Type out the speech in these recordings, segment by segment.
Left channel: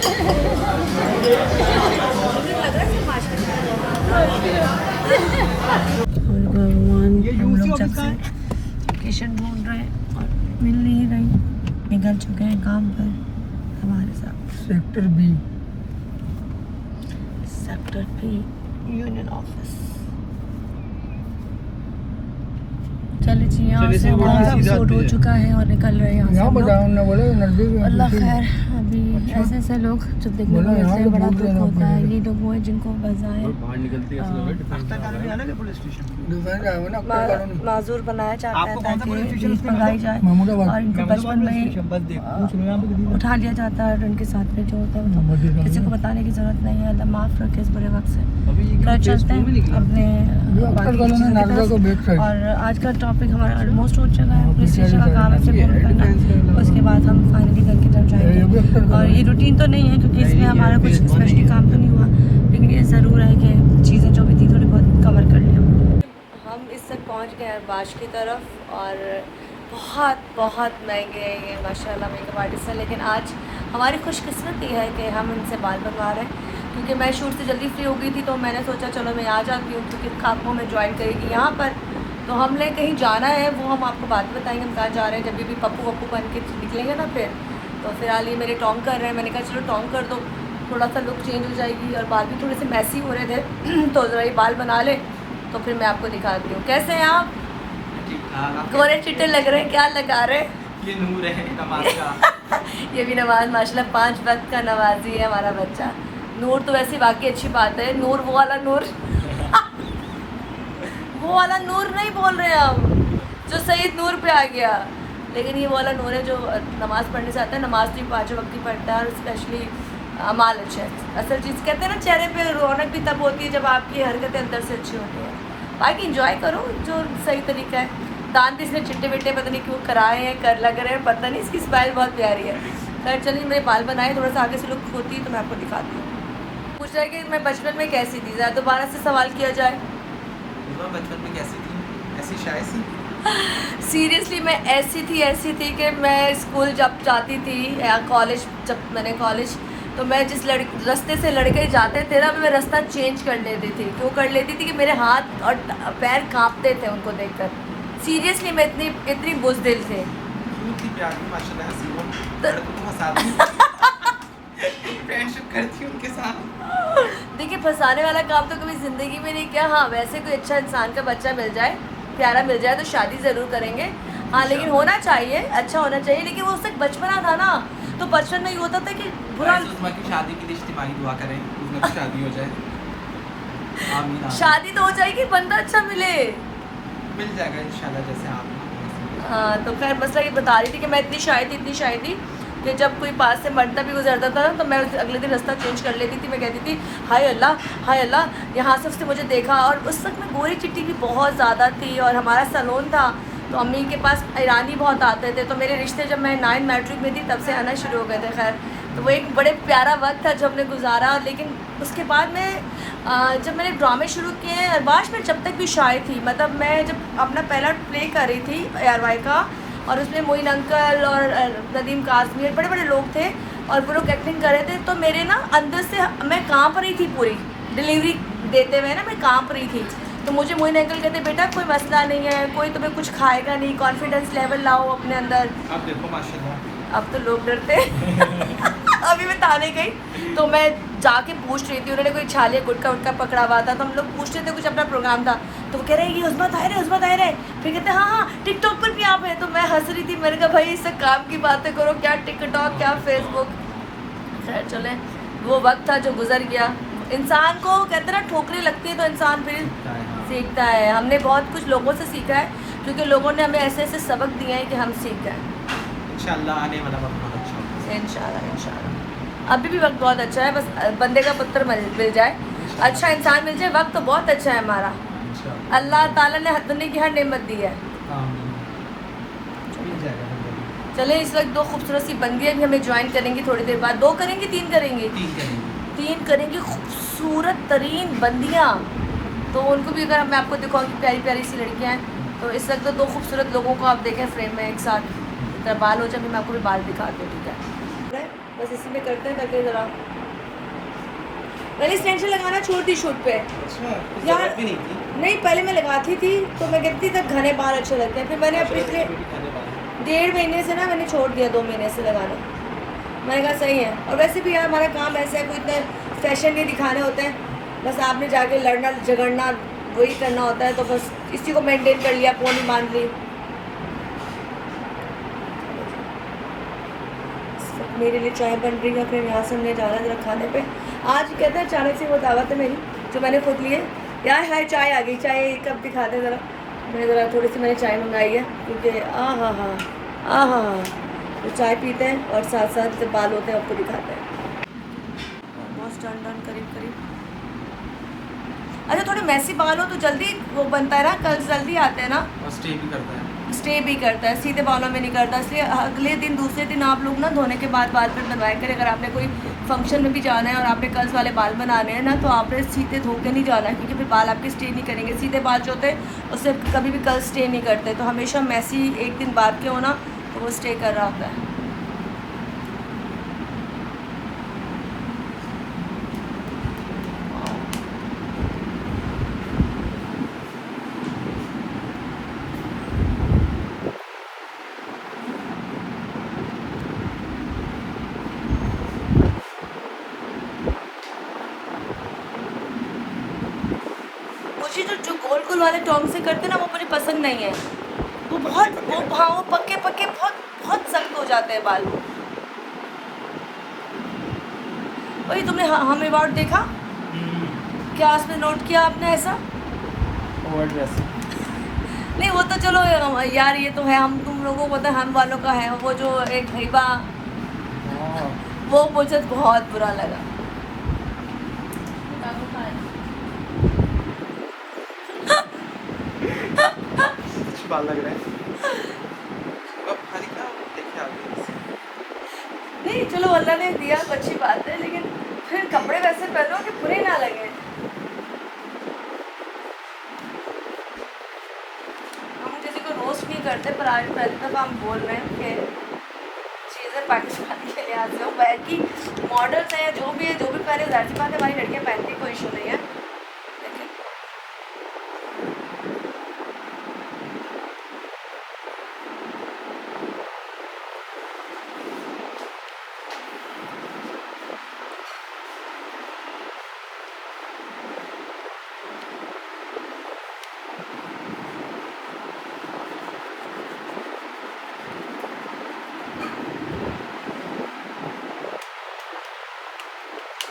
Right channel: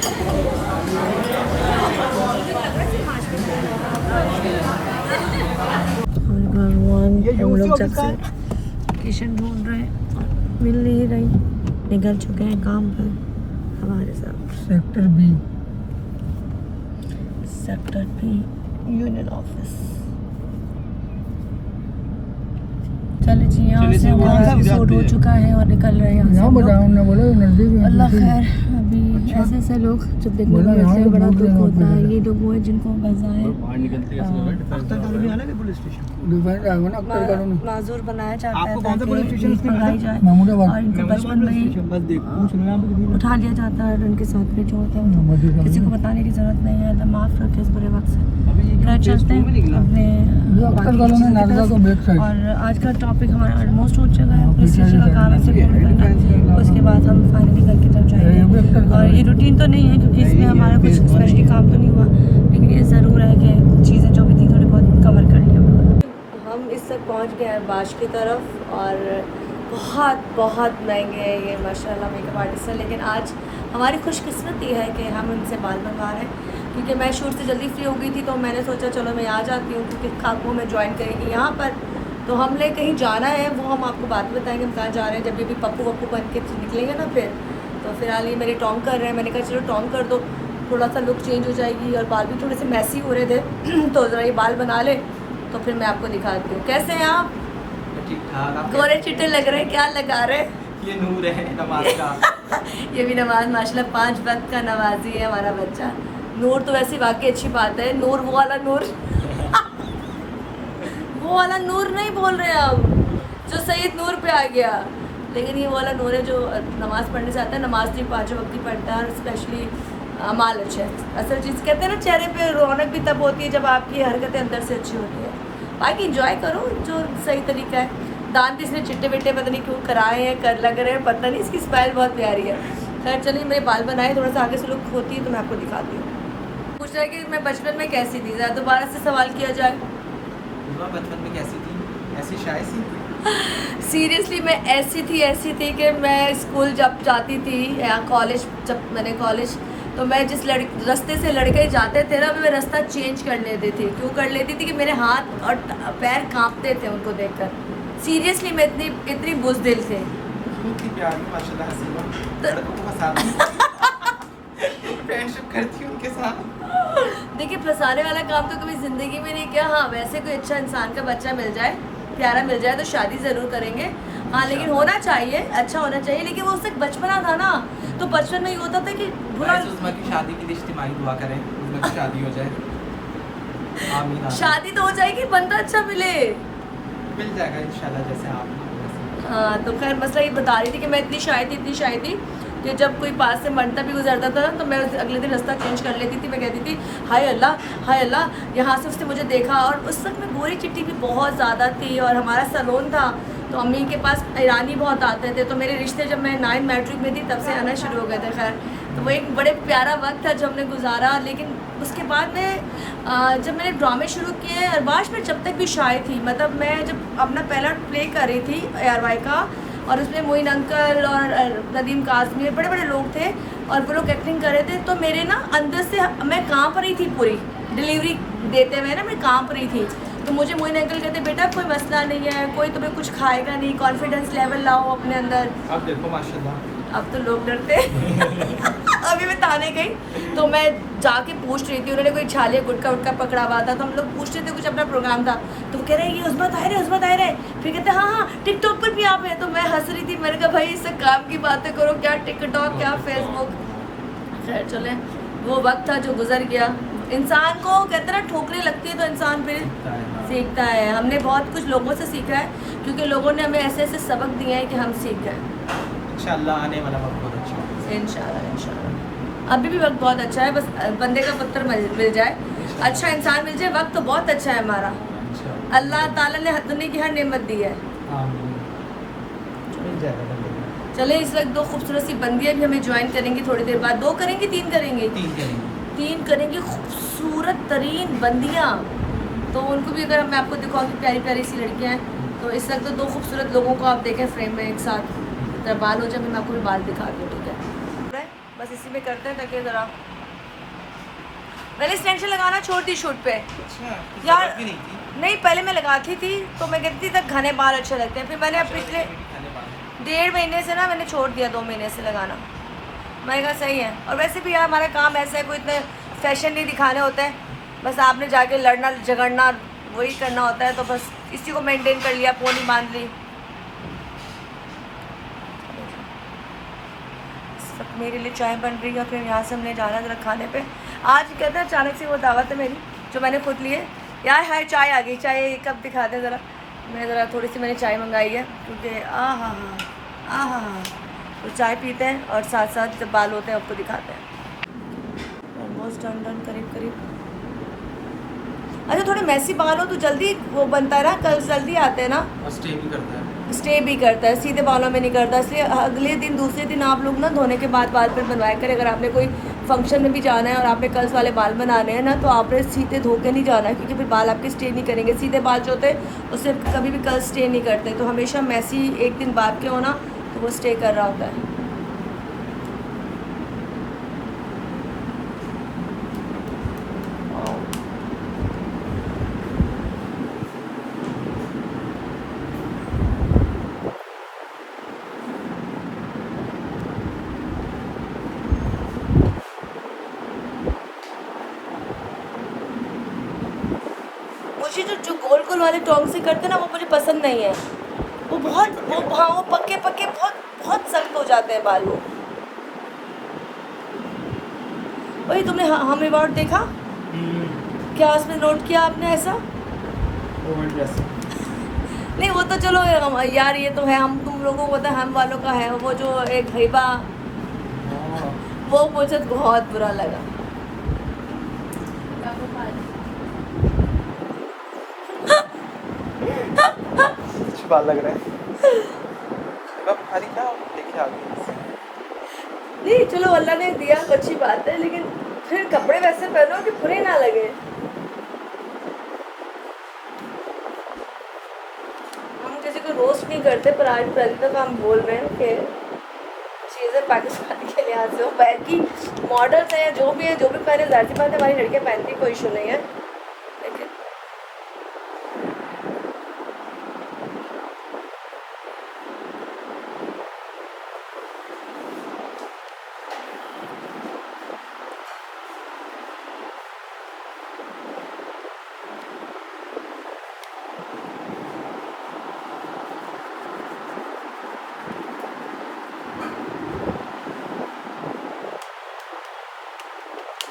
हम लोग जब से लोकेशन ढूंढ रहे हैं और मिल नहीं रही, निकल चुके हैं काम पर हमारे साथ। Sector B union office. चले जी, यहाँ से हमारा एपिसोड हो चुका है और निकल रहे हैं यहाँ से हम लोग। अल्लाह खैर, अभी ऐसे ऐसे लोग जब देखने को मिलते हैं बड़ा दुख होता है। ये लोग वो है जिनको मजा है। माजूर बनाया जाता है ताकि जीत मंगाई जाए और इनको बचपन में ही उठा लिया जाता है और उनके साथ में जो होता है किसी को बताने की जरूरत नहीं है। अल्लाह माफ़ रखे इस बुरे वक्त से। घर चलते हैं अपने बाकी चीज़ों की तरफ। और आज का टॉपिक हमारा ऑलमोस्ट हो चुका है। पुलिस स्टेशन का काम है, से फोन करना, उसके बाद हम फाइनली घर की तरफ जाएंगे। और ये रूटीन तो नहीं है क्योंकि इसमें हमारा कुछ स्पेशली काम तो नहीं हुआ, लेकिन ये ज़रूर है कि चीज़ें जो भी थी थोड़ी बहुत कवर कर लिया। हम इस तक पहुँच गए हैं बाश की तरफ और बहुत बहुत महंगे हैं ये माशाल्लाह मेकअप आर्टिस्ट है। लेकिन आज हमारी खुशकिस्मती है कि हम इनसे बाल बनवा रहे हैं क्योंकि मैं शूट से जल्दी फ्री हो गई थी, तो मैंने सोचा चलो मैं आ जाती हूँ क्योंकि खाकू में ज्वाइन करेगी यहाँ पर। तो हमने कहीं जाना है, वो हम आपको बाद में बताएंगे हम कहाँ जा रहे हैं। जब भी पप्पू वप्पू बन के निकलेंगे ना फिर, तो फिलहाल ये मेरे टोंग कर रहे हैं। मैंने कहा चलो टोंग कर दो, थोड़ा सा लुक चेंज हो जाएगी। और बाल भी थोड़े से मैसी हो रहे थे तो ज़रा ये बाल बना ले तो फिर मैं आपको दिखाती हूँ। कैसे हैं आप? गोरे चिट्टे लग रहे हैं। क्या लगा रहे हैं? ये नूर है नमाज का। ये भी नमाज माशाल्लाह 5 वक्त का नमाजी है हमारा बच्चा। नूर तो वैसे वाकई अच्छी बात है। नूर वो वाला नूर वो वाला नूर नहीं बोल रहे हम जो सैयद नूर पे आ गया, लेकिन ये वाला नूर है जो नमाज़ पढ़ने से आता है। नमाज भी 5 वक्त की पढ़ता है और स्पेशली अमाल अच्छे है। असल चीज़ कहते हैं ना, चेहरे पे रौनक भी तब होती है जब आपकी हरकतें अंदर से अच्छी होती हैं। बाकी इंजॉय करो जो सही तरीका है। दांत इसने चिट्टे विट्टे पता नहीं क्यों कराए हैं, कर लग रहे हैं, पता नहीं। इसकी स्माइल बहुत प्यारी है। खैर चलिए, मेरे बाल बनाए, थोड़ा सा आगे से लुक होती है तो मैं आपको दिखाती हूँ। पूछ रहा है कि मैं बचपन में कैसी थी, ज़रा दोबारा से सवाल किया जाए। बचपन में कैसी थी? ऐसी शाय सी? सीरियसली मैं ऐसी थी कि मैं स्कूल जब जाती थी या कॉलेज, जब मैंने कॉलेज, तो मैं जिस रास्ते से लड़के जाते थे ना, मैं रास्ता चेंज कर लेती थी। क्यों कर लेती थी कि मेरे हाथ और पैर कांपते थे उनको देखकर। सीरियसली मैं इतनी बुज़दिल थे। क्यों थी प्यारी माशाल्लाह, हसीना, लड़कों को फंसाती फ्रेंडशिप करती उनके साथ। देखिए, फंसाने वाला काम तो कभी ज़िंदगी में नहीं किया। हाँ, वैसे कोई अच्छा इंसान का बच्चा मिल जाए, प्यारा मिल जाए तो शादी ज़रूर करेंगे। हाँ, लेकिन होना चाहिए, अच्छा होना चाहिए। लेकिन वो उसका बचपना था ना, तो बचपन में ये होता था कि बुरा। उस्मा की शादी के लिए इज्तिमाई दुआ करें, उस्मा की शादी हो जाए। आमीन। शादी तो हो जाएगी, बंदा अच्छा मिले, मिल जाएगा इंशाल्लाह जैसे आप। हाँ, तो खैर मसला ये बता रही थी कि मैं इतनी शाय थी कि जब कोई पास से मरता भी गुजरता था ना, तो मैं अगले दिन रास्ता चेंज कर लेती थी। मैं कहती थी हाय अल्लाह, यहाँ से उसने मुझे देखा। और उस वक्त में गोरी चिट्टी भी बहुत ज़्यादा थी और हमारा सैलून था, तो अम्मी के पास ईरानी बहुत आते थे। तो मेरे रिश्ते जब मैं 9 मैट्रिक में थी तब से आना शुरू हो गए थे। खैर, तो वो एक बड़े प्यारा वक्त था जो हमने गुजारा। लेकिन उसके बाद में जब मैंने ड्रामे शुरू किए अरबाश में, जब तक भी शाय थी, मतलब मैं जब अपना पहला प्ले कर रही थी ARY का, और उसमें मोइन अंकल और नदीम काज़मी बड़े बड़े लोग थे और वो लोग एक्टिंग कर रहे थे, तो मेरे ना अंदर से मैं कांप रही थी। पूरी डिलीवरी देते हुए ना मैं कांप रही थी। तो मुझे मोइन अंकल कहते बेटा कोई मसला नहीं है, कोई तुम्हें कुछ खाएगा नहीं, कॉन्फिडेंस लेवल लाओ अपने अंदर। अब देखो माशाल्लाह, अब तो लोग डरते अभी मैं थाने गई तो मैं जाके पूछ रही थी, उन्होंने कोई छालिया गुटका उटका पकड़ा हुआ था, तो हम लोग पूछ रहे थे, कुछ अपना प्रोग्राम था, तो वो कह रहे हैं ये उस्मा ताहिर है। फिर कहते हैं हाँ टिकटॉक पर भी आप हैं। तो मैं हंस रही थी, मैंने कहा भाई इससे काम की बातें करो, क्या टिकटॉक क्या फेसबुक। खैर चले, वो वक्त था जो गुजर गया। इंसान को कहते ना ठोकरें लगती है तो इंसान फिर सीखता है। हमने बहुत कुछ लोगों से सीखा है क्योंकि लोगों ने हमें ऐसे ऐसे सबक दिए हैं कि हम सीख गए। इंशाल्लाह आने वाला वक्त बहुत अच्छा होगा। इंशाल्लाह अभी भी वक्त बहुत अच्छा है, बस बंदे का पुत्र मिल जाए, अच्छा इंसान मिल जाए। वक्त तो बहुत अच्छा है हमारा, अल्लाह ताला ने दुनिया की हर नेमत दी है। चले, इस वक्त 2 खूबसूरत सी बंदियाँ भी हमें ज्वाइन करेंगी थोड़ी देर बाद। 2 करेंगी 3 करेंगी? 3 करेंगी खूबसूरत तरीन बंदियाँ। तो उनको भी अगर मैं आपको दिखाऊंगी, प्यारी प्यारी सी लड़कियाँ हैं। तो इस वक्त तो 2 खूबसूरत लोगों को आप देखें फ्रेम में एक साथ, इतना बाल हो जाए, मैं आपको भी बाल दिखाती हूँ, ठीक है? बस इसी में करते हैं ताकि ज़रा मैंने एक्सटेंशन लगाना छोड़ दी शूट पे। अच्छा, तो यार जरूरत भी नहीं थी। नहीं, पहले मैं लगाती थी तो मैं कहती थी तक घने बाल अच्छे लगते हैं, फिर मैंने पिछले 1.5 महीने से ना मैंने छोड़ दिया, 2 महीने से लगाना। मैंने कहा सही है। और वैसे भी यार हमारा काम ऐसा है, कोई इतने फैशन नहीं दिखाने होते हैं, बस आपने जाके लड़ना झगड़ना वही करना होता है, तो बस इसी को मेंटेन कर लिया, पोनी बांध ली। मेरे लिए चाय बन रही है, फिर यहाँ से हमने जाना है ज़रा खाने पे। आज कहते हैं अचानक से वो दावत है मेरी जो मैंने खुद लिए। यार हाय चाय आ गई, चाय कब दिखाते हैं ज़रा। मैं ज़रा थोड़ी सी मैंने चाय मंगाई है क्योंकि हाँ तो चाय पीते हैं और साथ साथ जब बाल होते हैं आपको दिखाते हैं। ऑलमोस्ट डन करीब। अच्छा थोड़े मैसी बाल हो तो जल्दी वो बनता है ना, कल जल्दी आते हैं ना, और स्टे भी करता है। सीधे बालों में नहीं करता, इसलिए अगले दिन दूसरे दिन आप लोग ना धोने के बाद बाल फिर बनवाया करें। अगर आपने कोई फंक्शन में भी जाना है और आपने कर्ल्स वाले बाल बनाने हैं ना, तो आपने सीधे धो के नहीं जाना है, क्योंकि फिर बाल आपके स्टे नहीं करेंगे। सीधे बाल जो होते हैं उससे कभी भी कर्ल स्टे नहीं करते, तो हमेशा मैसी एक दिन बाद के होना तो वो स्टे कर रहा होता है। मुझे जो गोल वाले टोंग से करते ना वो मुझे पसंद नहीं है। वो पक्के बहुत सख्त हो जाते हैं बाल। वो वही तुमने हम रिवॉर्ड देखा क्या, उसमें नोट किया आपने ऐसा? ओवर ड्रेस नहीं वो तो चलो यार, ये तो है, हम तुम लोगों को पता है, हम वालों का है। वो जो एक घैबा, वो मुझे बहुत बुरा लगा। बात लग रहा है। नहीं चलो अल्लाह ने दिया तो अच्छी बात है, लेकिन फिर कपड़े वैसे पहनो कि बुरे ना लगे। हम किसी को रोस्ट नहीं करते, पर आज पहले तक हम बोल रहे हैं कि चीज़ें पाकिस्तान के लिहाज से हो, बैगी मॉडल्स हैं या जो भी है, जो भी पहने जाहिर सी बात है हमारी लड़के पहनती, कोई इशू नहीं है। लेकिन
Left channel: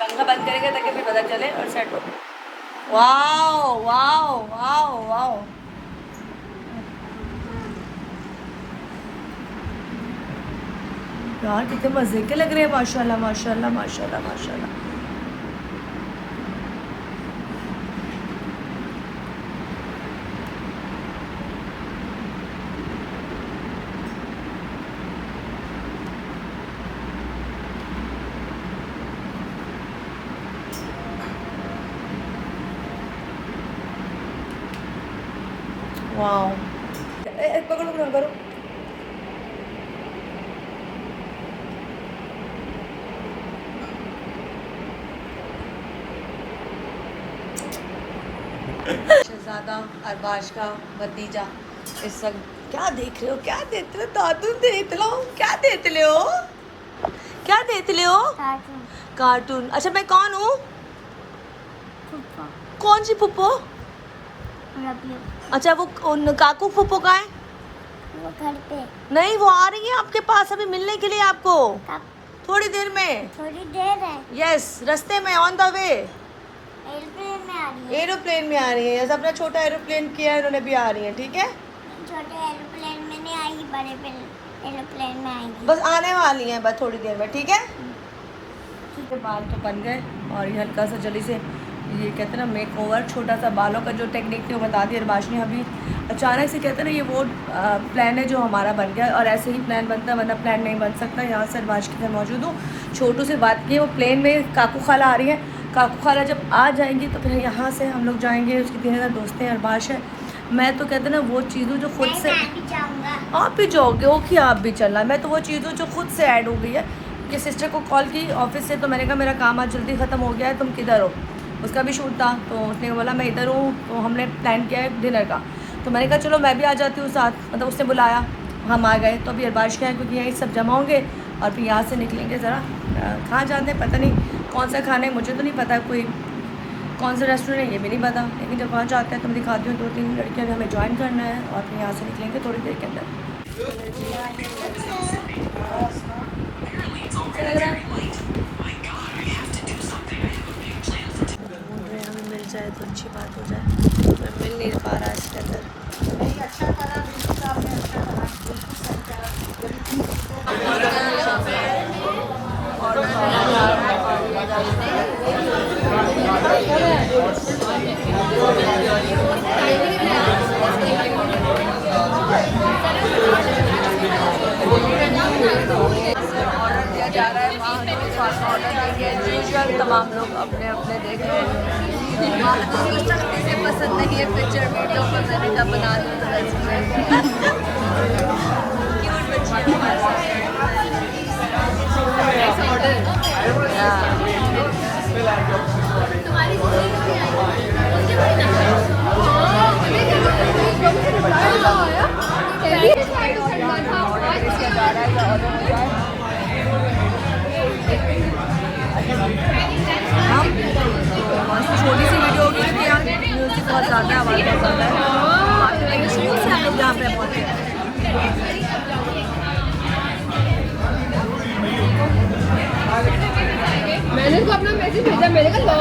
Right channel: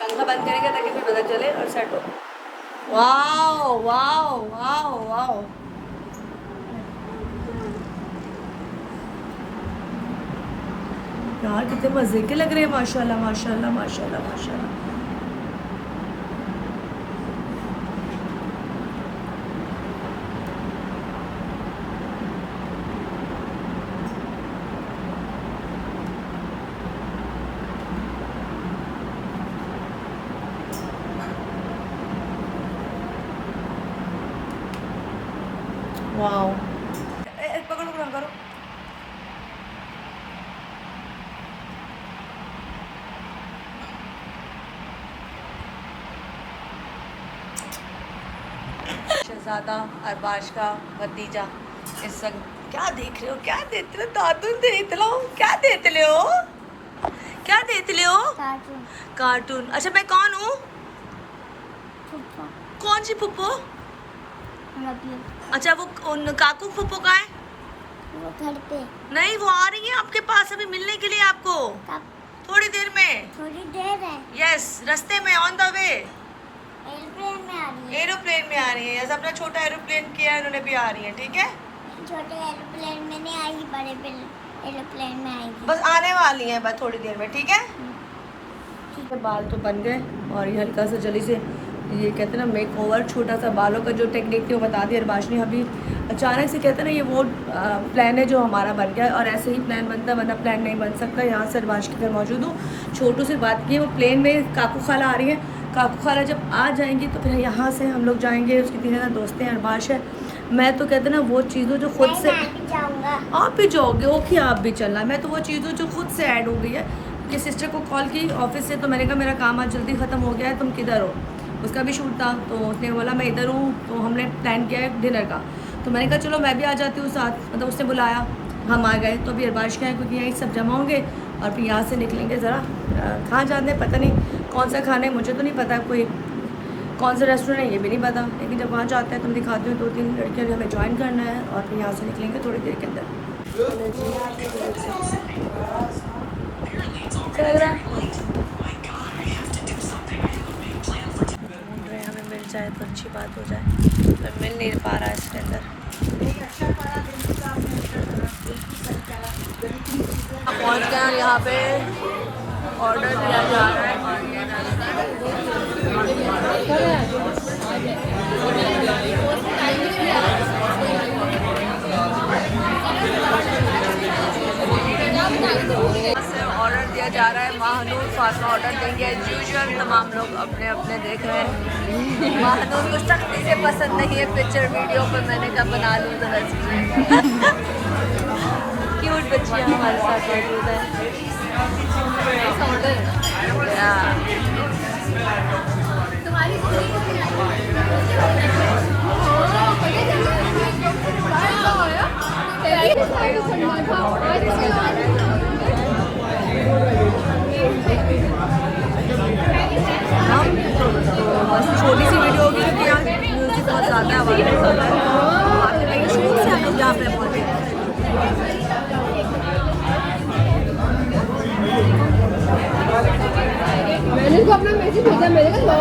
पंखा बंद करेंगे ताकि फिर पता चले और सेट हो। वाओ वाओ वाओ वाओ, यार कितने मज़े के लग रहे हैं, माशाल्लाह माशाल्लाह माशाल्लाह माशाल्लाह। वाओ, पकड़ो पकड़ो करो। शहजादा अरबाज का भतीजा इस सब क्या देख रहे हो, क्या देते हो दादू, देख लो क्या देते ले हो, क्या देते ले हो? कार्टून। अच्छा मैं कौन हूँ? कौन सी फुप्पो? अच्छा वो काकू फुप्पो का है? वो घर पे नहीं, वो आ रही है आपके पास अभी मिलने के लिए आपको। कब? थोड़ी देर में। थोड़ी देर है। यस, रास्ते में, ऑन द वे। एरोप्लेन में आ रही है। एरोप्लेन में आ रही है, जैसे अपना छोटा एरोप्लेन किया है उन्होंने भी आ रही है, ठीक है? छोटे एरोप्लेन में नहीं आएगी, बड़े एरोप्लेन में आएगी। बस आने वाली है, बस थोड़ी देर में, ठीक है? ठीक है, बाल तो बन गए और ये हल्का सा जल्दी से ये कहते हैं ना मेक ओवर, छोटा सा बालों का जो टेक्निक थी वो बता दी अरबाज ने। अभी अचानक से कहते हैं ना ये वो प्लान है जो हमारा बन गया, और ऐसे ही प्लान बनता है, वरना प्लान नहीं बन सकता। यहाँ से अरबाज के घर मौजूद हूँ, छोटू से बात की, वो प्लेन में काकू खाला आ रही है। काकू खाला जब आ जाएंगी तो फिर यहाँ से हम लोग जाएंगे, उसकी 3 ज़्यादा दोस्तें हैं, अरबाज है। मैं तो कहते हैं ना वो चीज़ों जो खुद से मैं भी जाऊंगा। आप भी जाओगे, ओके आप भी चलना। मैं तो वो चीज़ों जो खुद से ऐड हो गई है, कि सिस्टर को कॉल की ऑफिस से, तो मैंने कहा मेरा काम आज जल्दी ख़त्म हो गया है, तुम किधर हो। उसका भी शूट था, तो उसने बोला मैं इधर हूँ, तो हमने प्लान किया है डिनर का। तो मैंने कहा चलो मैं भी आ जाती हूँ साथ, मतलब उसने बुलाया, हम आ गए। तो अभी अरबाज क्या है, क्योंकि यहीं सब जमा होंगे और फिर यहाँ से निकलेंगे। ज़रा कहाँ जाते हैं पता नहीं, कौन सा खाना है मुझे तो नहीं पता, कोई कौन सा रेस्टोरेंट है ये भी नहीं पता, लेकिन जब वहाँ जाते हैं तो मैं दिखाती हूँ। 2-3 लड़कियाँ हमें ज्वाइन करना है और फिर यहाँ से निकलेंगे थोड़ी देर के अंदर। ढूंढ रहे हैं, हमें मिल जाए तो अच्छी बात हो जाए, पर मिल नहीं पा रहा इसके अंदर। पहुँच गए और यहाँ पे ऑर्डर दिया जा रहा है और ऑर्डर दिया जा रहा है। महानूर फातिमा ऑर्डर देंगे एज यूजुअल, तमाम लोग अपने अपने देख रहे हैं। महानूर को सख्ती से पसंद नहीं है पिक्चर वीडियो, पर मैंने कहा बना लूँ तो क्यूट बच्चियाँ हमारे साथ। हम तो बस छोटी सी वीडियो होगी, क्योंकि यहाँ म्यूजिक बहुत ज़्यादा है, आवाज़ बहुत ज़्यादा है। आते वही शुरू से हम लोग यहाँ पे पहुँचे। मैंने तो अपना मैसेज भेजा, मैंने कहा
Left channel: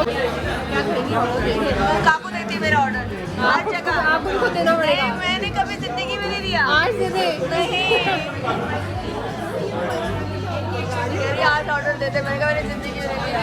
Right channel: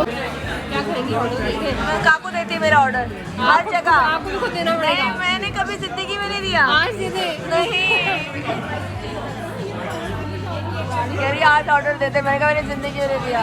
काकू देती है मेरा ऑर्डर हर जगह। नहीं, मैंने कभी जिंदगी में नहीं दिया। नहीं, आज ऑर्डर देते, मैंने कहा मैंने जिंदगी में नहीं दिया।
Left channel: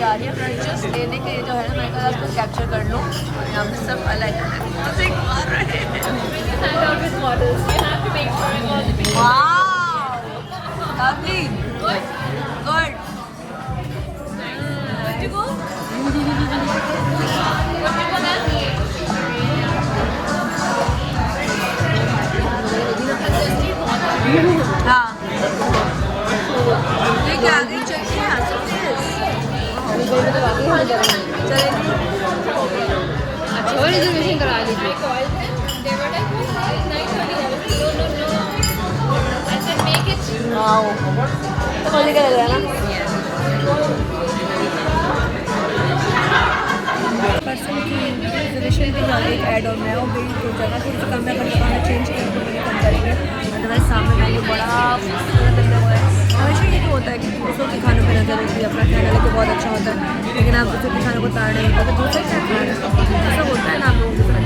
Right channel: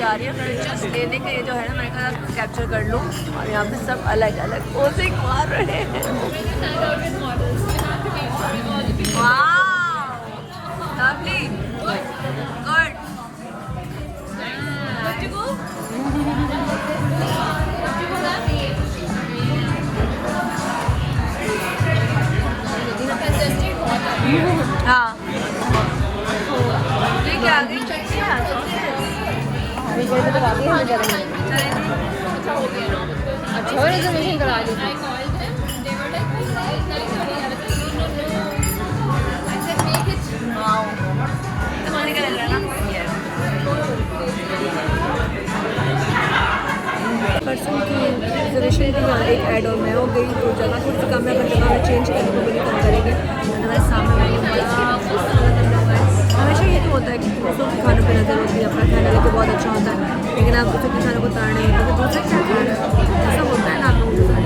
जा रही है पिक्चर्स लेने के लिए, जो है ना मैंने कहा उसको कैप्चर कर लूँ। और यहाँ पे सब अलग अलग पोजिंग मार रहे हैं। हाँ, ये क्या आ गई चटनी है, तो बोली का लग रहा है ना। पर्सन की रिजर्वेशन की ज़्यादा एक ऐड और मैं हो गई, तो जगह थोड़ी सी कम है, पर जगह हमें चेंज करने को बिल्कुल कम करेंगे। अदरवाइज सामने मेन्यू बड़ा खूबसूरत लग रहा है। हमेशा ये तो होता है कि दूसरों के खानों पर नजर होती है, अपना खाना लेके बहुत अच्छा होता है, लेकिन आप दूसरों के खानों को ताड़ नहीं होता कि दूसरा क्या खा रहे हैं। ऐसा होता है ना आप लोगों के साथ।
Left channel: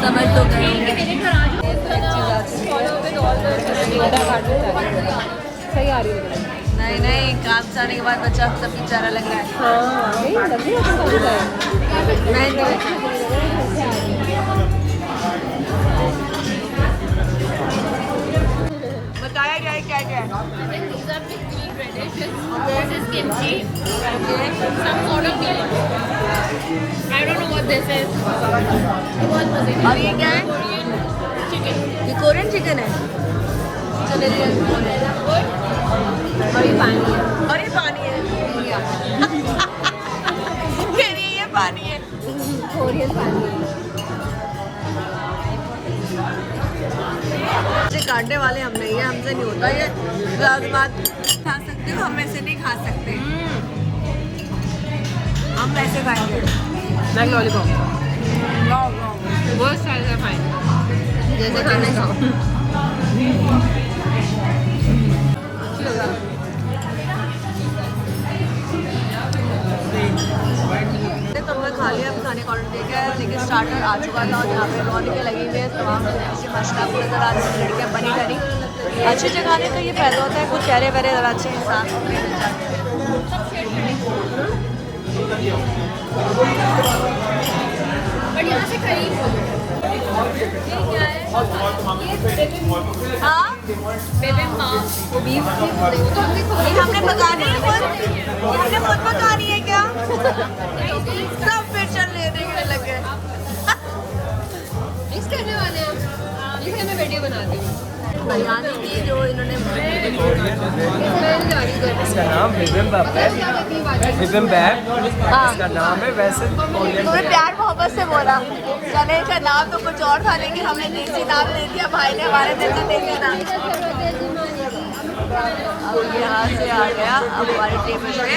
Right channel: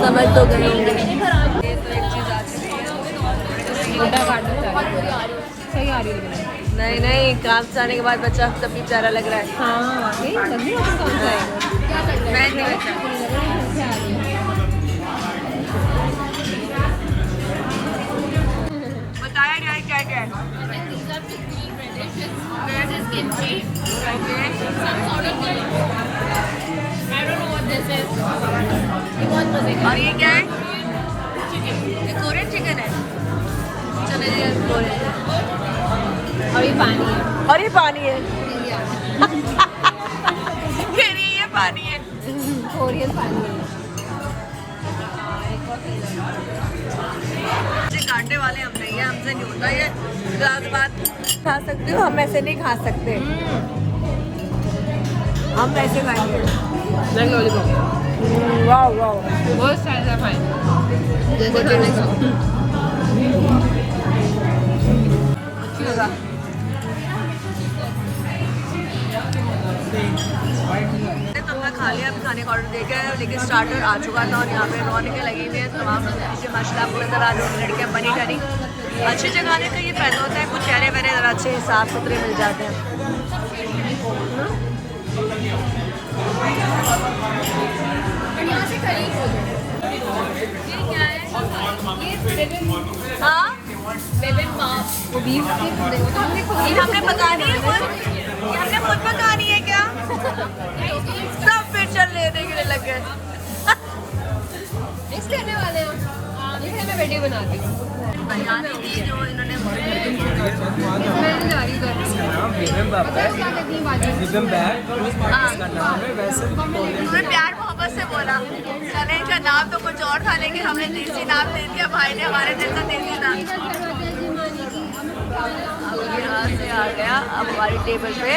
समझ तो गए होंगे। ये तो एक चीज़ आती है। नहीं नहीं, काम से आने के बाद बच्चा तब भी प्यारा लग रहा है। नहीं बच्चा बताया क्या है, क्या क्या है? और ये क्या है? ये कोरियन चिकन है। चले कोरियन। और ये पानी है। ये पानी है। कोरियन पानी है। काटने वाले हम नहीं है, हमसे नहीं होता ये। बात खा सकते हो, हम ऐसे नहीं खा सकते। हम ऐसे खाएंगे। वाह वाह, बहुत सारा खाएंगे। हमने खा लिया, अभी खाने का ऑर्डर दे गया है, लेकिन स्टार्टर आ चुका था और यहाँ पे रौनकें लगी हुई है तमाम से माशाल्लाह आपको नज़र आ रही है लड़कियाँ बनी ठनी। अच्छी जगह आने का ये फ़ायदा होता है, कुछ चेहरे वहरे ज़रा अच्छे साफ सुथरे मिल जाते हैं। यहाँ से खरीद क्या है? हाँ बिबिम्बाप बीफ ये हमने पकानी है खुद, ये हमने खुद पकानी है क्या? सब फिर चल लेने के लिए लग गए। मिक्स करने वाले हैं, इसका मैं वीडियो बनाती हूँ। बिरयानी की जो इन्होंने इसका नाम बिबिम्बाप है, बिबिम्बाप हाँ। इसका नाम है। वैसे कोरियन तूने प्यार मोहब्बत से बोला, चले का नाम तो कुछ और था लेकिन हमने देसी नाम ले दिया, भाई ने हमारे दिल का देसी नाम। अब यहाँ से आ गया, अब हमारी टेबल पे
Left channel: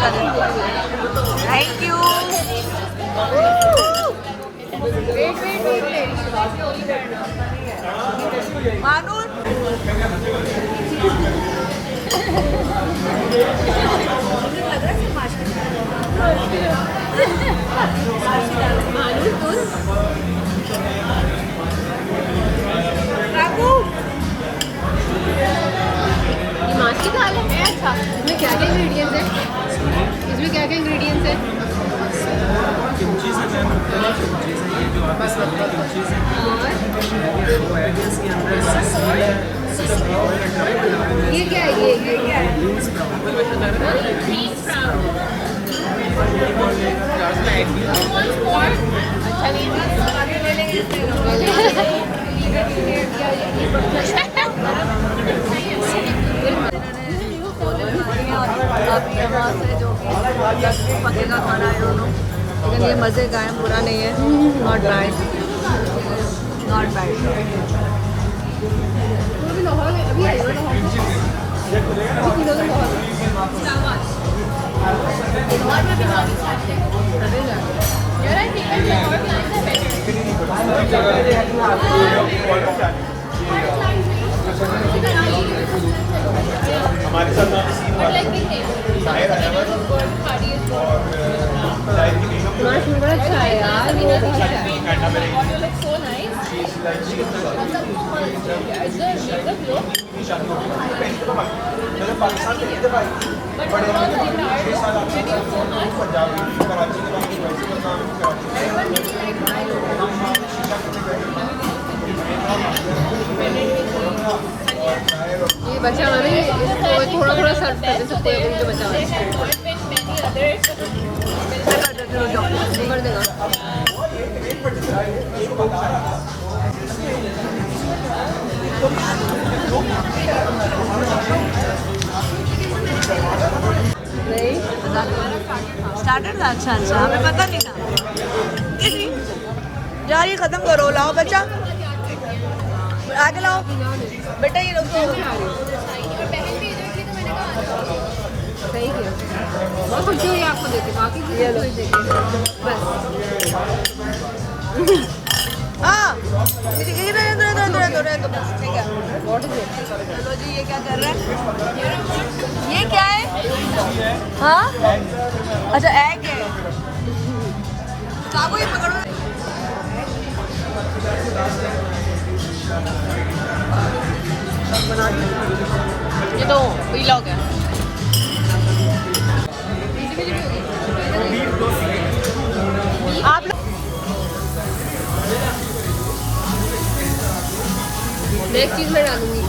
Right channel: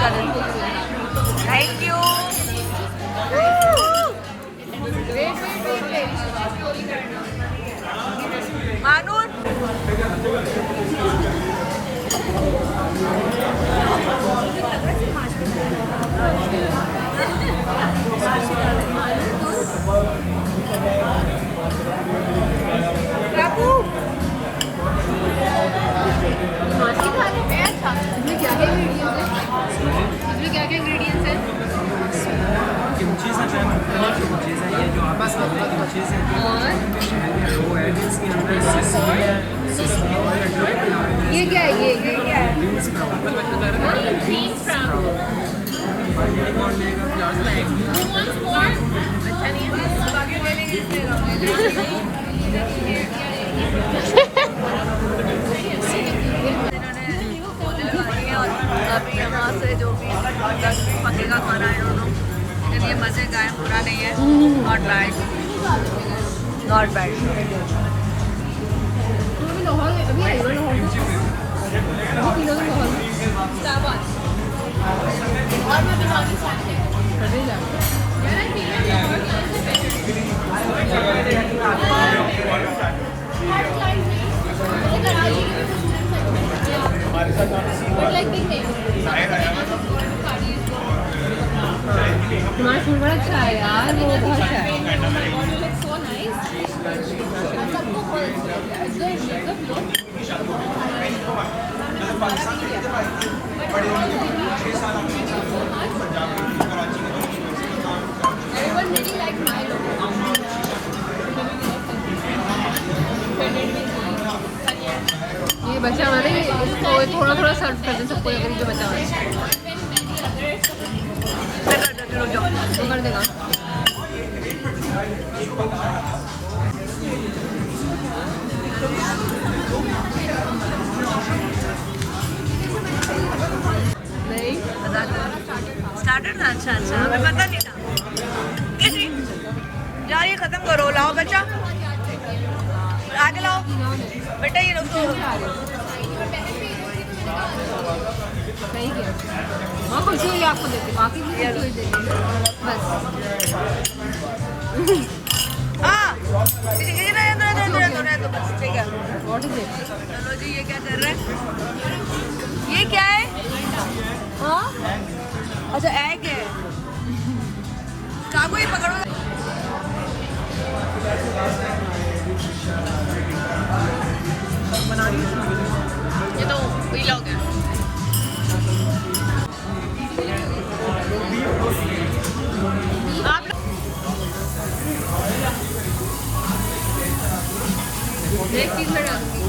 चले। Thank you. मानूर माछ की दाल है। अच्छा, इसमें क्या क्या इंग्रेडिएंट्स हैं? इसमें क्या क्या इंग्रेडिएंट्स हैं? किमची से जो मुख्तलिफ चीज़ है, ये जो आपके सामने किमची से और इसके अंदर सिसमी है, ये क्या है? ये क्या है? बीन्स स्प्राउट, और अभी यहाँ से जो भी पकेगा खाना है दोनों, लेकिन ये मज़े का है, बुरा नहीं है। Not bad, not bad. But like big name. माछ पूरा अच्छा है यार। Oh my god, you look so nice. Is there sugar flow? But because I like video so much, everyone really like Milo. ये बच्चे हमारे थोड़ा सा so they had not been many others. Starter था। अच्छा अच्छा, हमें पता नहीं था। यार ये खत्म करो, लाओ बच्चा आगे लाओ बेटा, ये लोग सही है। बहुत खुशी हुई आपको देख के, बाकी भी खुशी हुई देख के। बस हाँ तो बस ठीक है। चलो जी, ये क्या कर रहे हैं? ये क्या है? हाँ अच्छा, एग है। चाकू ये पकड़ो। ये तो व्लॉग है। आप नेक्स्ट चीज मैं डालूंगी।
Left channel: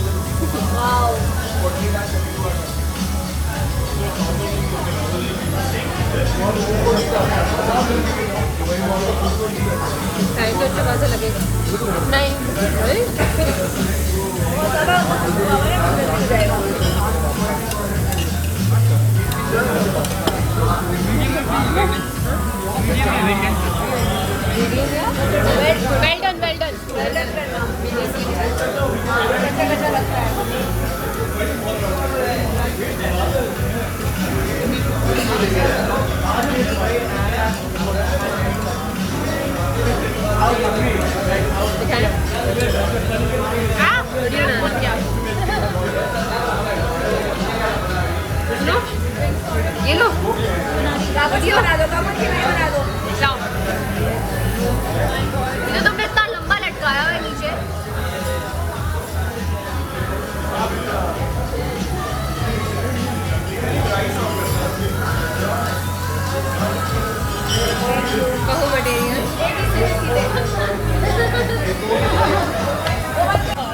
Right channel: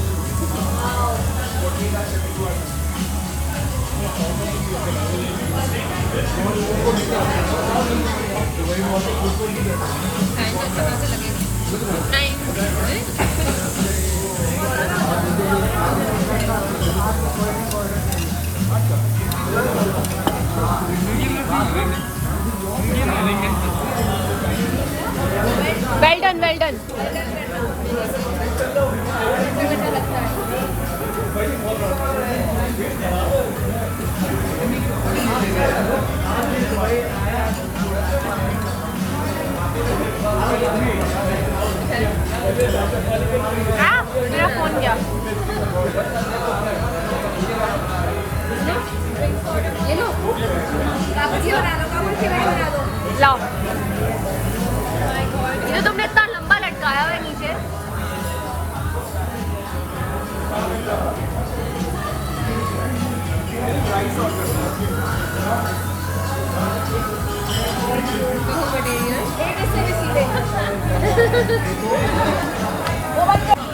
मेरा फोन क्या? लो, ये लो। काबुची बना दो, काबुची बना दो। लाओ, ये तुमने इतना लंबा लटकाया हुआ है नीचे।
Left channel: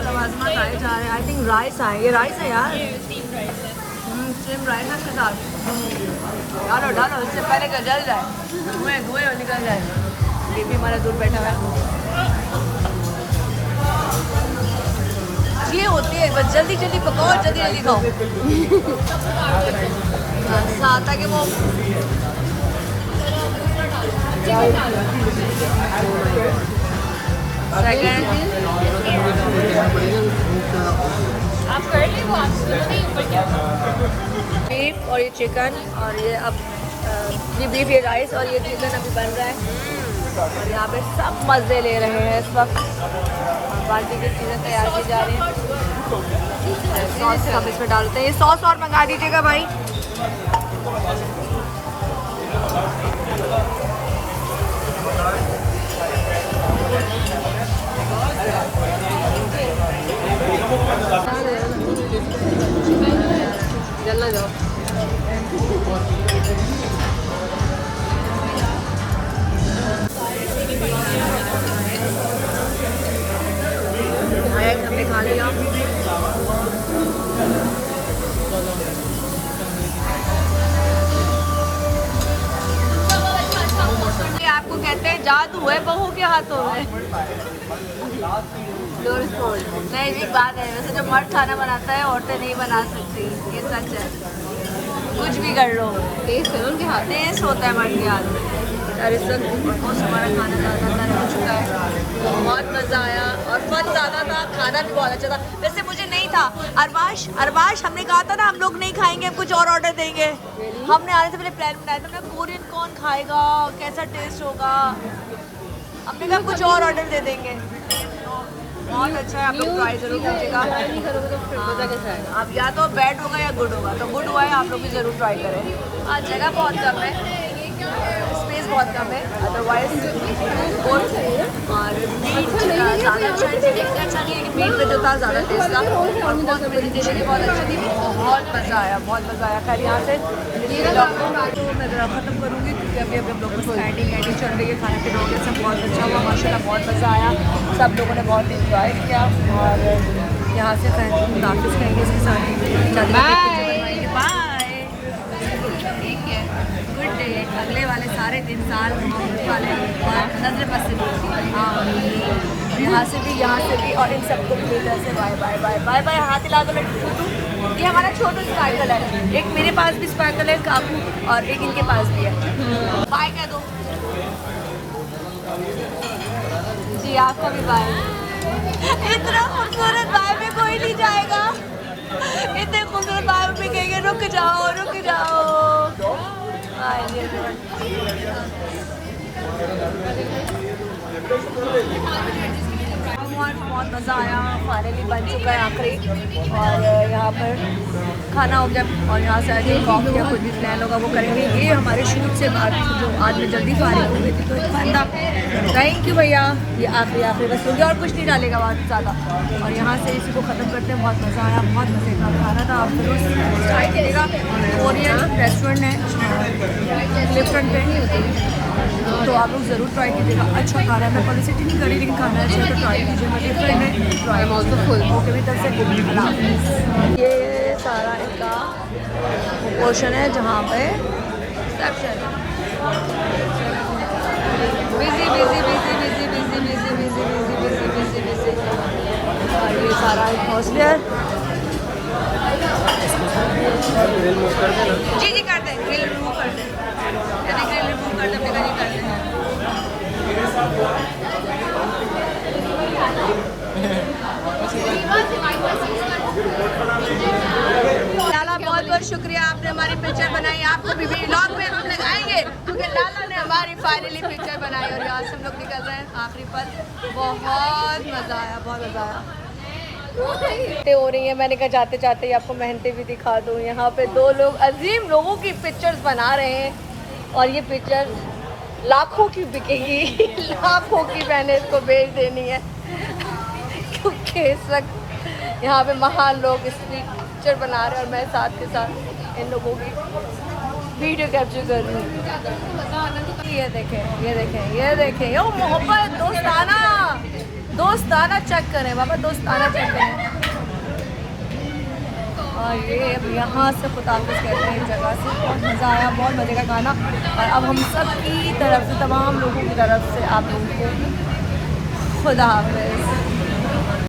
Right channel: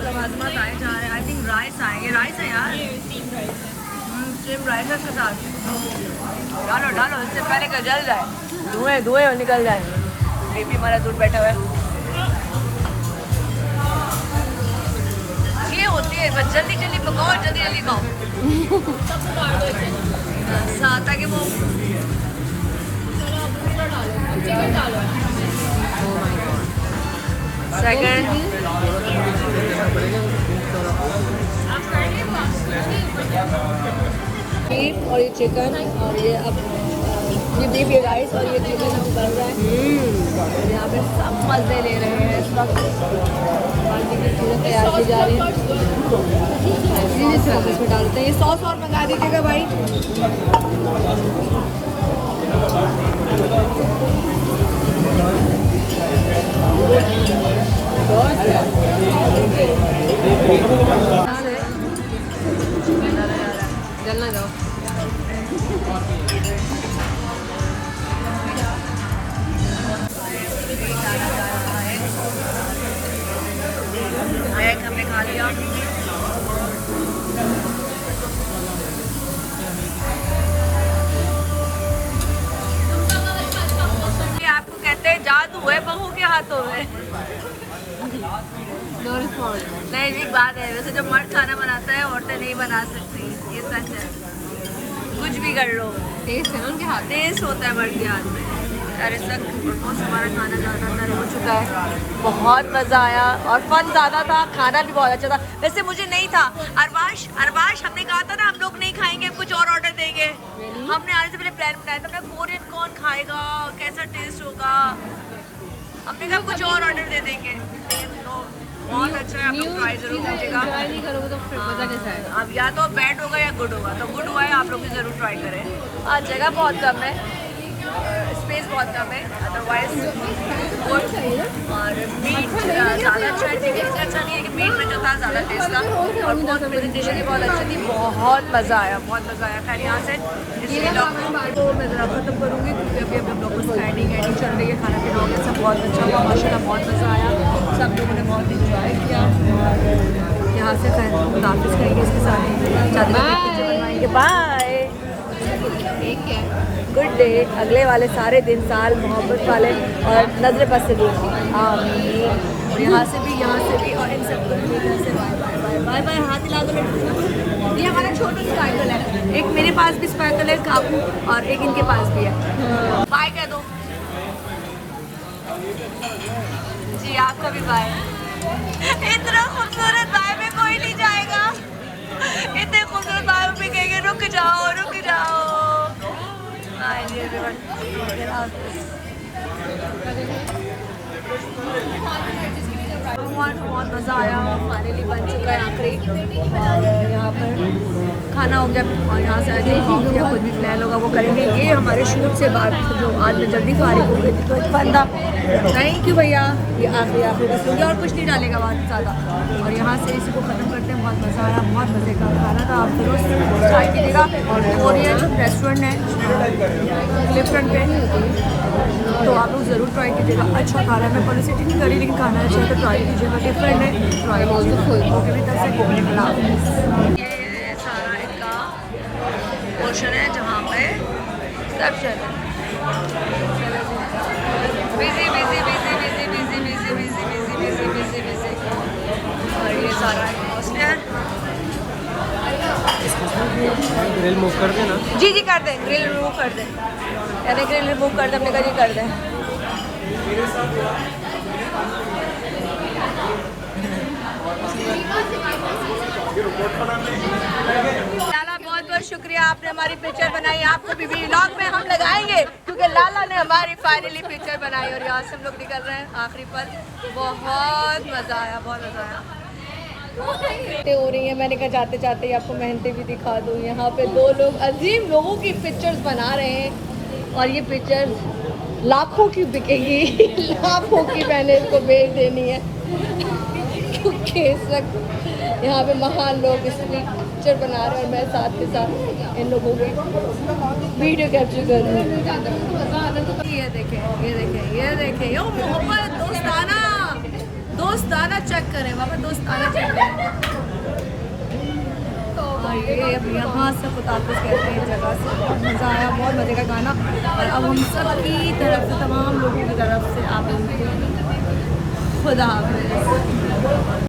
लवाजमात आए जा रहे हैं। आई थिंक राइस आए, ये राइस है यार, स्ट्रीम राइस है इसके साथ। डालो डालो, इससे पहले का जल जाए, धुएं धुएं और निकल जाए। बेबी हमारा दूर बैठा हुआ है। ये होती है बस, जल्दी जल्दी पकाओ, जल्दी जल्दी खाओ। साथ आके वो सेकंड बीफ और ये चिकन और ये अब ये बीफ, ये राइस और ये चिकन अभी बन रहा है। यहाँ पे सब मज़े ले रहे हैं इस वक्त। पार्टी की चीज़ें तैयार की जा रही हैं। सॉस हम इसमें डालते हैं। ये सॉस और मंगा दीजिएगा भाई। हमने खा लिया। आपको कहते हैं जादू है बहू के हाथों में। नहीं, एक बात है, वैसे जो मर्द खाना बनाता है औरतें नहीं बना सकती, ये सच है। कुछ भी कर लो, टेस्ट होता है मर्द के हाथ में। और इस वक्त ऑलमोस्ट हमारा खाना लगातार हो चुका है। बहुत मज़ा आया और फन ज़्यादा था, खाना भी बहुत अच्छा था। वैसे मुझे नहीं था, अरबाश हमने कहा था ना हम लोग नहीं खाएंगे, कुछ और ऑर्डर देंगे। हमने आने से पहले प्लान बनाया था ना, कोरियन कौन खाएगा, कैसा टेस्ट होगा। हमने कहा कुछ और ऑर्डर दे देंगे। बहुत अच्छा है, आप लोग ट्राई जरूर कीजिएगा। अब या तो बैड होगा या गुड होगा, तो गुड हुआ है, आप लोग भी ज़रूर ट्राई करें। आज जगह बहुत कम है, स्पेस बहुत कम है, अदरवाइज गुड। और मीट ज़्यादा अच्छा है, चिकन अच्छा नहीं है कि मीट में जो था ज़्यादा टेस्ट था। और बहुत प्रेजेंटेशन भी बहुत अच्छी थी, बहुत मज़ा आया, बहुत मज़ा आया। खैर यहाँ से इस ब्लॉग को मैं ज़रा ख़त्म करूँगी क्योंकि अभी अपने ब्लॉग को स्काइडिंग एंडिंग चल रही है। खाना पीना हो गया, सब बहुत अच्छा हुआ माशाल्लाह, बहुत मज़ा आया। सब लोगों ने बहुत इंजॉय किया। और यहाँ से खैर नाफिस करेंगे इसके साथ, चादर पे पिक्चर बनवाएंगे। Bye, good day. अगले वाले सारे दिन साल मोहब्बत वाले नजर बस से देना। और यहाँ से भी और इन सबको बाय बाय। हाथ हिला दो। ये हमारा छोटू स्पार्कल है, एक मेरे पास भी स्पार्कल है काकू, और एक इनके पास भी है। बाय कह दो जी, आपको भी बाय। इतना खूबसूरत बाय में कोई नहीं जाएगा, इतने खूबसूरत बाय में कहेंगे रुक जाओ रुक जाओ। बहुत मज़ा आया, फाइनली बन चुका है आखिरी। और यहाँ पर खाना हो गया और यहाँ से आज कॉफ़ी या कुछ भी प्लान होगा वो करेंगे। ये हमारे शूट से बाद जो आज मैं जल्दी फारिग हो गई थी, तो बंदा थैंक यू भैया, ये आखिरी बस मुझे और कुछ नहीं डालेगा बहुत ज़्यादा। और यहाँ से इसी को ख़त्म करते हैं। बहुत मज़ा आया, बहुत मज़े का खाना था। आप जरूर ट्राई कीजिएगा। कोरियन रेस्टोरेंट है क्लिफ्टन पे, तो आप लोग ज़रूर ट्राई कीजिएगा। अच्छा खाना, मैं पब्लिसिटी नहीं करी लेकिन खाना अच्छा है तो ट्राई कीजिएगा। डिफरेंट है, ट्राई कीजिएगा। ओके भी तब से अल्लाह हाफ़िज़। ये सारा इनका पोर्शन है जहाँ पे रिसेप्शन है। Busy busy busy busy busy busy busy busy busy busy busy. और ये सारा एटमॉस्फेयर जी कर दें, ग्रिल रिमूव कर दें, यानी ग्रिल रिमूव कर दें, हमने कहा जी कर दें। लाला बहुत बहुत शुक्रिया, आपने हमारी पिक्चर बनाई। आपको भी व्लॉग में हम लगाएंगे क्योंकि लाला ने हमारी फाइनली पिक्चर बनाई। और यहाँ से हम लोग निकल रहे हैं आखिरी पर। बहुत मज़ा आया, बहुत मज़ा आया। हो रही है, मैंने कहा जाते जाते ही आपको मेहनतें भी दिखा दूँ। यहाँ पे दो लोग अजीम लोगों की पिक्चर्स बना रहे हैं और ये पिक्चर्स लाखों की बिकेगी, लाखों की मैंने इसको बेच देनी है क्योंकि इस वक्त यहाँ पे महान लोग स्ट्रीट पिक्चर बना रहे हैं और मैं साथ के साथ इन लोगों की वीडियो कैप्चर कर रही हूँ। ये देखें, ये देखें, ये देखें, यो मोहब्बत, दोस्ताना, दोस्ताना चेक करें बाबा, दोस्ताना चेक करें। और ये अब यहाँ से खुदाफिज कहते हैं इस जगह से। बहुत मज़ा आया, बहुत मज़े का गाना। और अब हम सब की तरफ से, तमाम लोगों की तरफ से आप लोगों को खुदा हाफिज़।